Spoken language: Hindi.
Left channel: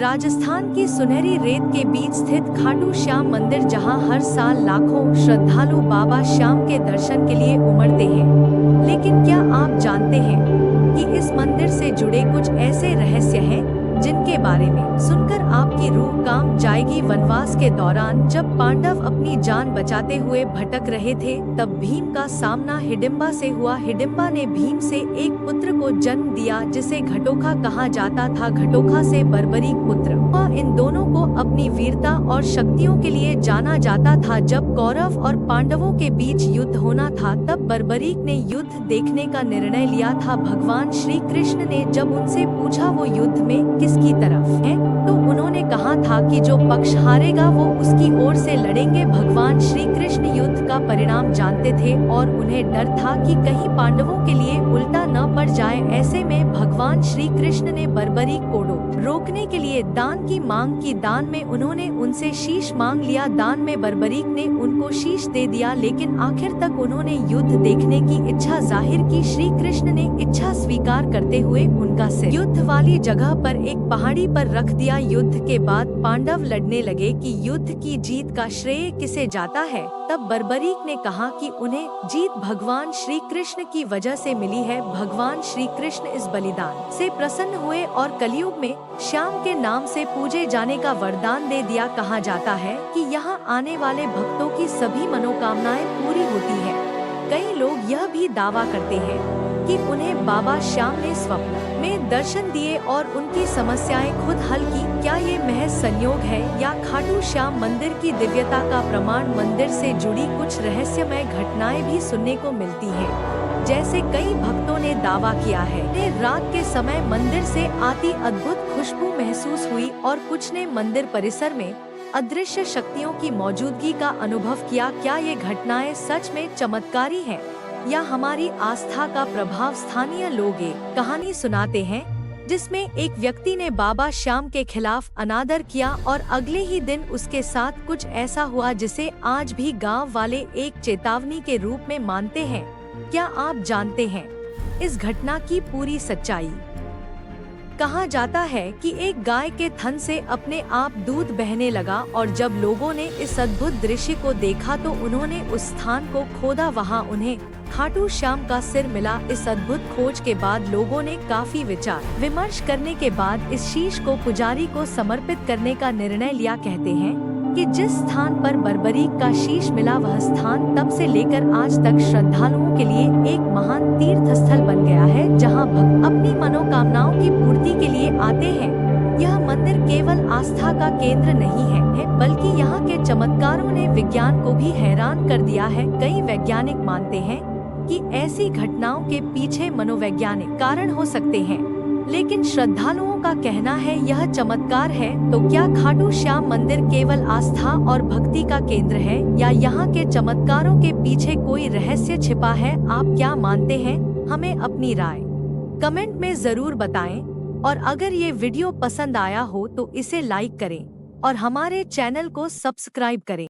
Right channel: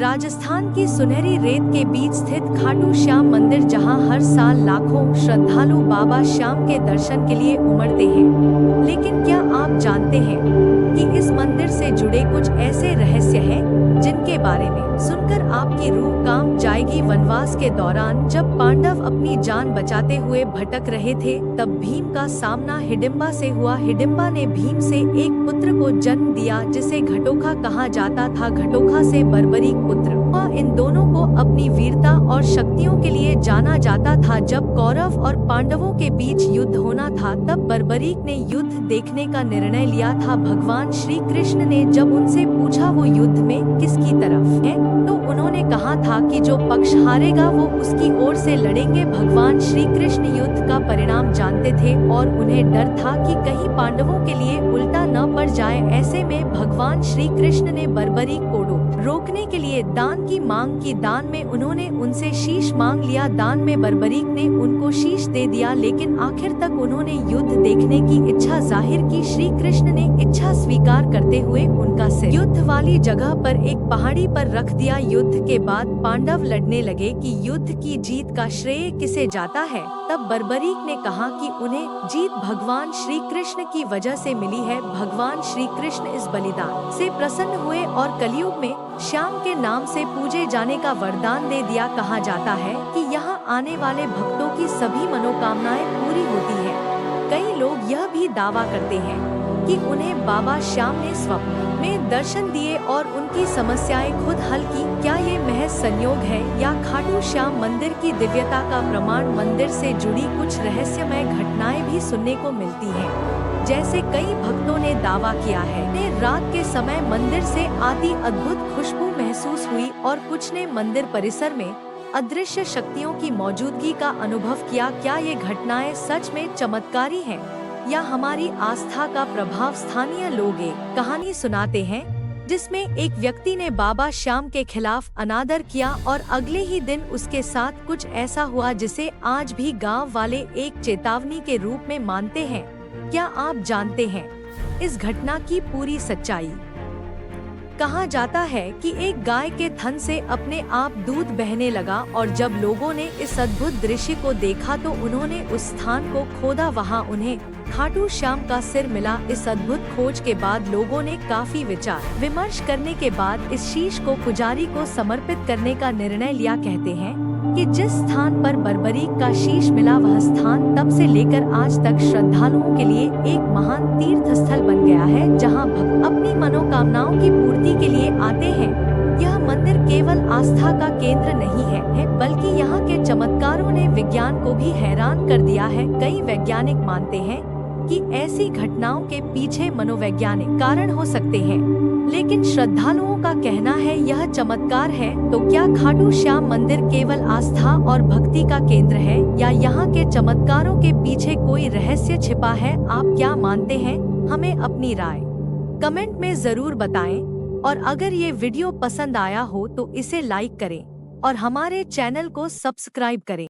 राजस्थान की सुनहरी रेत के बीच स्थित खाटू श्याम मंदिर, जहां हर साल लाखों श्रद्धालु बाबा श्याम के दर्शन के लिए उमड़ते हैं। लेकिन क्या आप जानते हैं कि इस मंदिर से जुड़े कुछ ऐसे रहस्य हैं जिनके बारे में सुनकर आपकी रूह कांप जाएगी। वनवास के दौरान जब पांडव अपनी जान बचाते हुए भटक रहे थे, तब भीम का सामना हिडिंबा से हुआ। हिडिंबा ने भीम से एक पुत्र को जन्म दिया जिसे घटोखा कहा जाता था। घटोखा से बर्बरीक पुत्र हुआ। इन दोनों को अपनी वीरता और शक्तियों के लिए जाना जाता था। जब कौरव और पांडवों के बीच युद्ध होना था, तब बर्बरीक ने युद्ध देखने का निर्णय लिया था। भगवान श्री कृष्ण ने जब उनसे पूछा वो युद्ध में किसकी तरफ है, तो उन्होंने कहा था कि जो पक्ष हारेगा वो उसकी ओर से लड़ेंगे। भगवान श्री कृष्ण युद्ध का परिणाम जानते थे और उन्हें डर था कि कहीं पांडवों के लिए उल्टा न पड़ जाए। ऐसे में भगवान श्री कृष्ण ने बर्बरीक को रोकने के लिए दान की मांग की। दान में उन्होंने उनसे शीश मांग लिया। दान में बर्बरीक ने उनको शीश दे दिया, लेकिन आखिर तक उन्होंने युद्ध देखने की इच्छा जाहिर की। श्री कृष्ण ने इच्छा स्वीकार करते हुए उनका सिर युद्ध वाली जगह पर एक पहाड़ी पर रख दिया। युद्ध के बाद पांडव लड़ने लगे कि युद्ध की जीत का श्रेय किसे जाता है। तब बर्बरीक ने कहा कि उन्हें जीत भगवान श्री कृष्ण की वजह से मिली है। भगवान श्री कृष्ण इस बलिदान से प्रसन्न हुए और कलयुग में श्याम के नाम से पूजे जाने का वरदान दे दिया। कहा जाता है कि यहाँ आने वाले भक्तों की सभी मनोकामनाएं पूरी होती है। कई लोग यह भी दावा करते हैं कि उन्हें बाबा श्याम ने स्वप्न में दर्शन दिए और उनकी समस्याएं खुद हल की। क्या ये महज संयोग है या खाटू श्याम मंदिर की दिव्यता का प्रमाण? मंदिर से जुड़ी कुछ रहस्यमय घटनाएं भी सुनने को मिलती हैं। जैसे कई भक्तों ने दावा किया है रात के समय मंदिर से आती अद्भुत खुशबू महसूस हुई और कुछ ने मंदिर परिसर में अदृश्य शक्तियों की मौजूदगी का अनुभव किया। क्या ये घटनाएं सच में चमत्कारी हैं या हमारी आस्था का प्रभाव? स्थानीय लोग एक कहानी सुनाते हैं जिसमें एक व्यक्ति ने बाबा श्याम के खिलाफ अनादर किया और अगले ही दिन उसके साथ कुछ ऐसा हुआ जिसे आज भी गांव वाले एक चेतावनी के रूप में मानते हैं। क्या आप जानते हैं इस घटना की पूरी सच्चाई? कहा जाता है कि एक गाय के थन से अपने आप दूध बहने लगा और जब लोगों ने इस अद्भुत दृश्य को देखा तो उन्होंने उस स्थान को खोदा। वहां उन्हें खाटू श्याम का सिर मिला। इस अद्भुत खोज के बाद लोगों ने काफी विचार विमर्श करने के बाद इस शीश को पुजारी को समर्पित करने का निर्णय लिया। कहते हैं कि जिस स्थान पर बर्बरीक का शीश मिला, वह स्थान तब से लेकर आज तक श्रद्धालुओं के लिए एक महान तीर्थ स्थल बन गया है, जहां भक्त अपनी मनोकामनाओं की पूर्ति के लिए आते हैं। यह मंदिर केवल आस्था का केंद्र नहीं है, बल्कि यहाँ के चमत्कारों ने विज्ञान को भी हैरान कर दिया है। कई वैज्ञानिक मानते हैं कि ऐसी घटनाओं के पीछे मनोवैज्ञानिक कारण हो सकते हैं, लेकिन श्रद्धालुओं का कहना है यह चमत्कार है। तो क्या खाटू श्याम मंदिर केवल आस्था और भक्ति का केंद्र है या यहाँ के चमत्कारों के पीछे कोई रहस्य छिपा है? आप क्या मानते हैं? हमें अपनी राय कमेंट में जरूर बताएं और अगर ये वीडियो पसंद आया हो तो इसे लाइक करें और हमारे चैनल को सब्सक्राइब करें।